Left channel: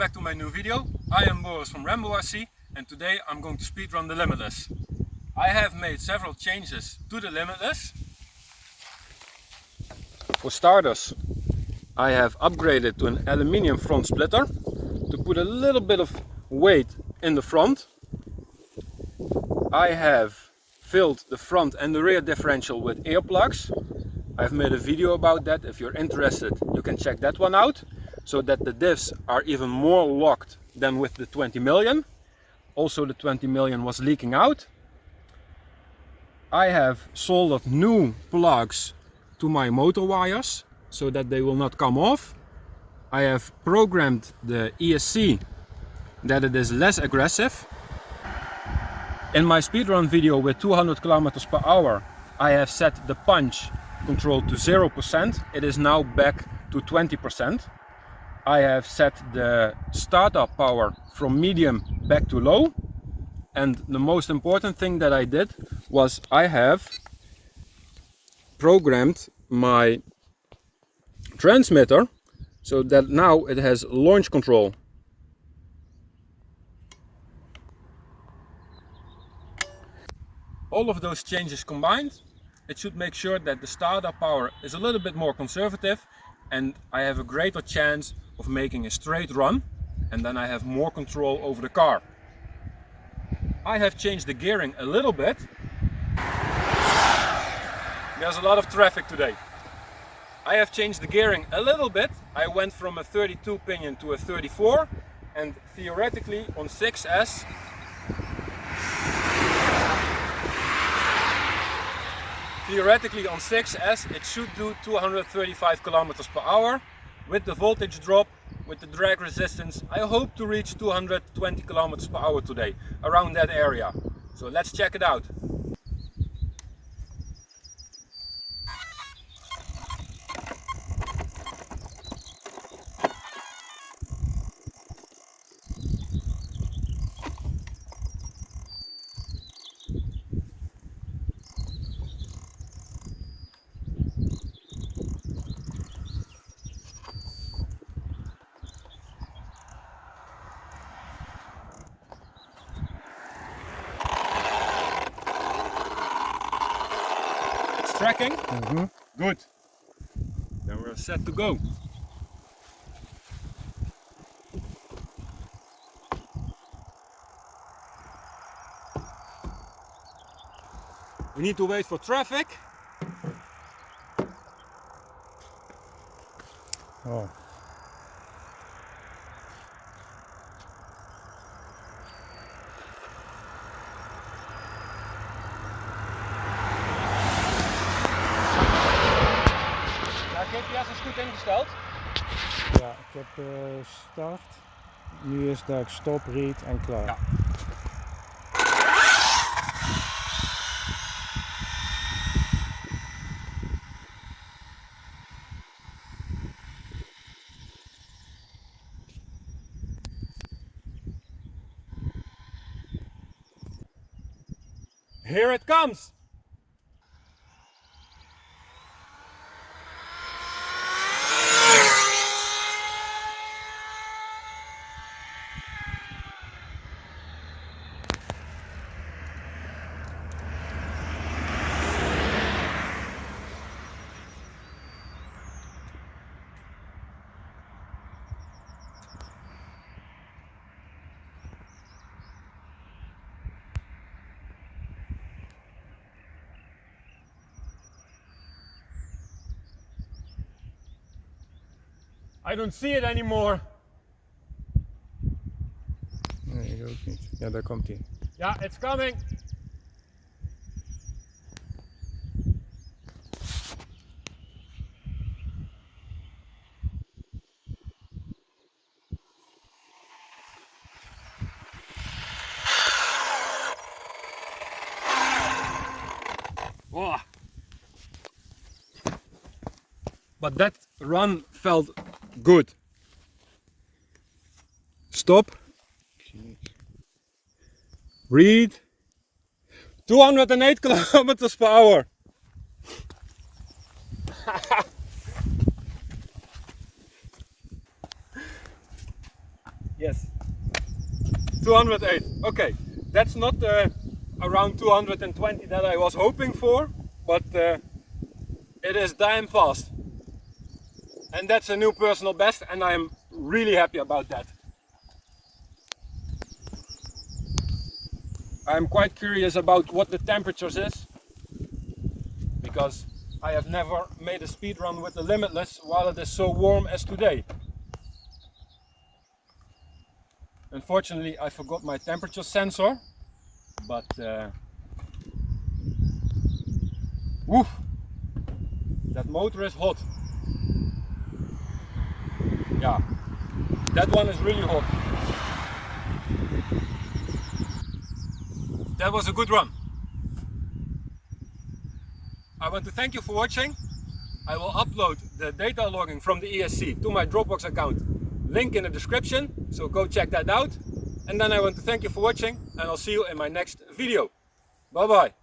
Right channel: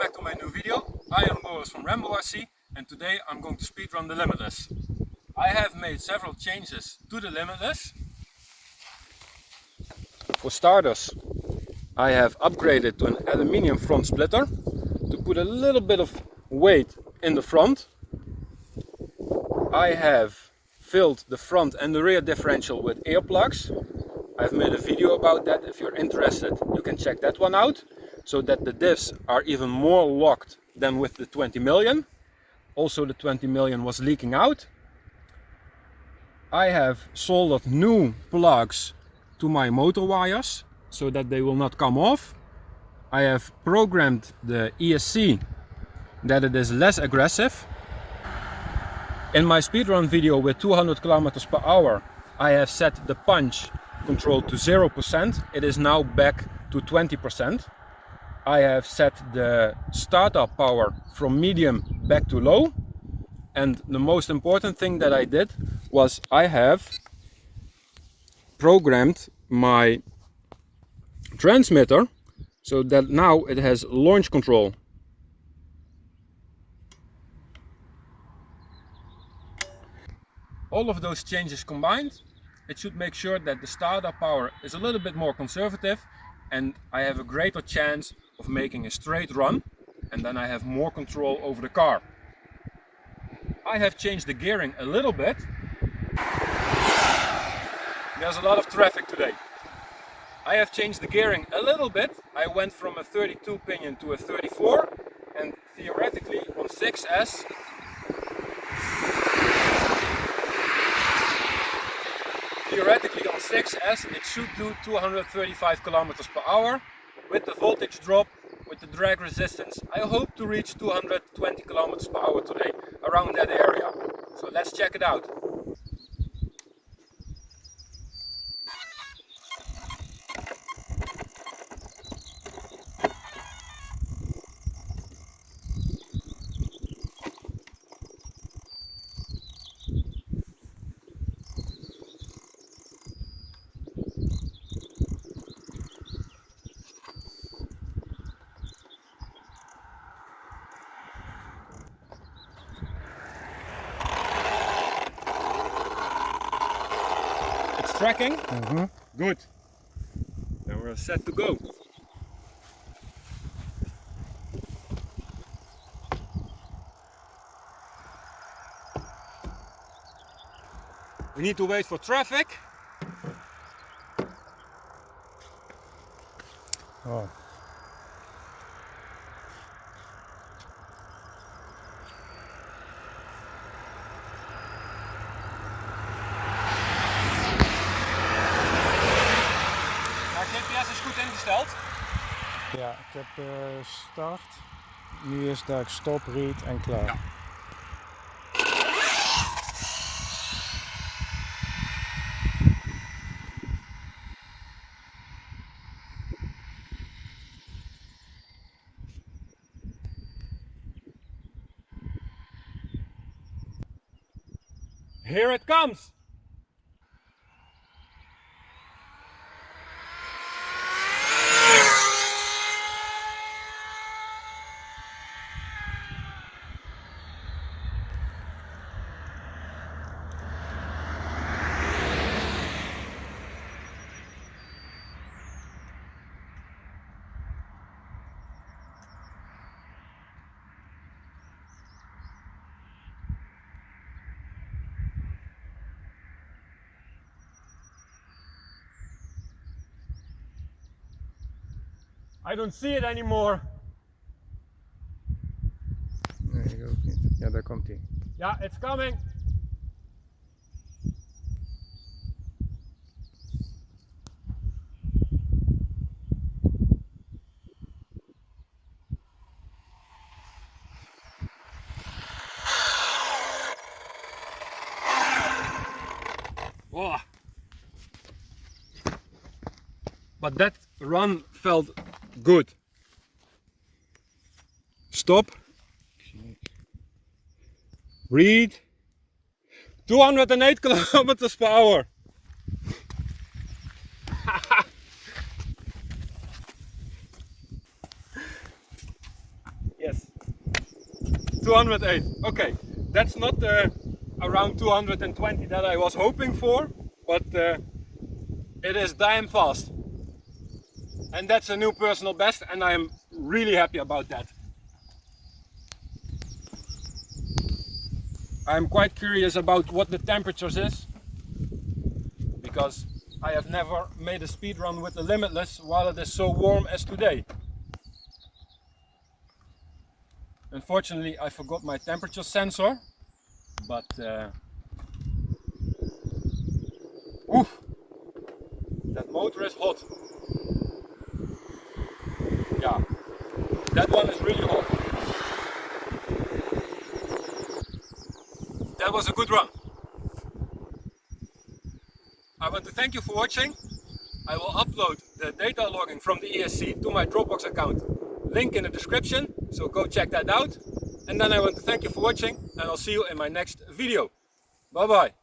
back to my new video. I am Boris from Rambo RC and today I'm going to speedrun the Limitless. I have made several changes to the Limitless. For starters, I have upgraded to an aluminium front splitter to put a little bit of weight in the front. I have filled the front and the rear differential with air plugs. I've made a video about that. If you're interested, you can check that one out, so that the diffs are even more locked than with the 20 million. Also the 20 million was leaking out. I have soldered new plugs to my motor wires so that they will not come off. I have programmed the ESC that it is less aggressive. In my speedrun video with 200 kilometers per hour, I have set the punch control to 0%. It is now back to 20%. I have set the startup power from medium back to low. And the most important thing that I did was I have programmed my transmitter so that now it has launch control. All of those changes combined, it should make sure that the startup power is a little bit more conservative and I have a greater chance of making a straight run, and then I have more control over the car. I have changed the gearing a little bit. There's a lot of traffic today. I have changed the gearing a little bit. I went from a 32 pinion to a 34, and theoretically on 6S it should do 235 kilometers per hour. With the voltage drop, with the drag resistance, I hope to reach 220 kilometers per hour today, around that area. So let's check it out. Tracking? Good. Then we're set to go. We need to wait for traffic. Oh. GPS is goed ingesteld. Ja, ik heb start. Nu is dat stop, read en klaar. Ja. Here it comes. I don't see it anymore. Nee, ik ook niet. Ja, daar komt hij. Ja, it's coming. Oh. But that run felt good. Stop. Read. 208 kilometers per hour. Yes. 208. Okay, that's not around 220 that I was hoping for, but it is damn fast. And that's a new personal best, and I am really happy about that. I'm quite curious about what the temperatures is, because I have never made a speed run with the Limitless while it is so warm as today. Unfortunately, I forgot my temperature sensor, but woof, that motor is hot. Yeah, that one is really hot. That was a good run. I want to thank you for watching. I will upload the data logging from the ESC to my Dropbox account. Link in the description, so go check that out. And then I want to thank you for watching, and I'll see you in my next video. Bye bye.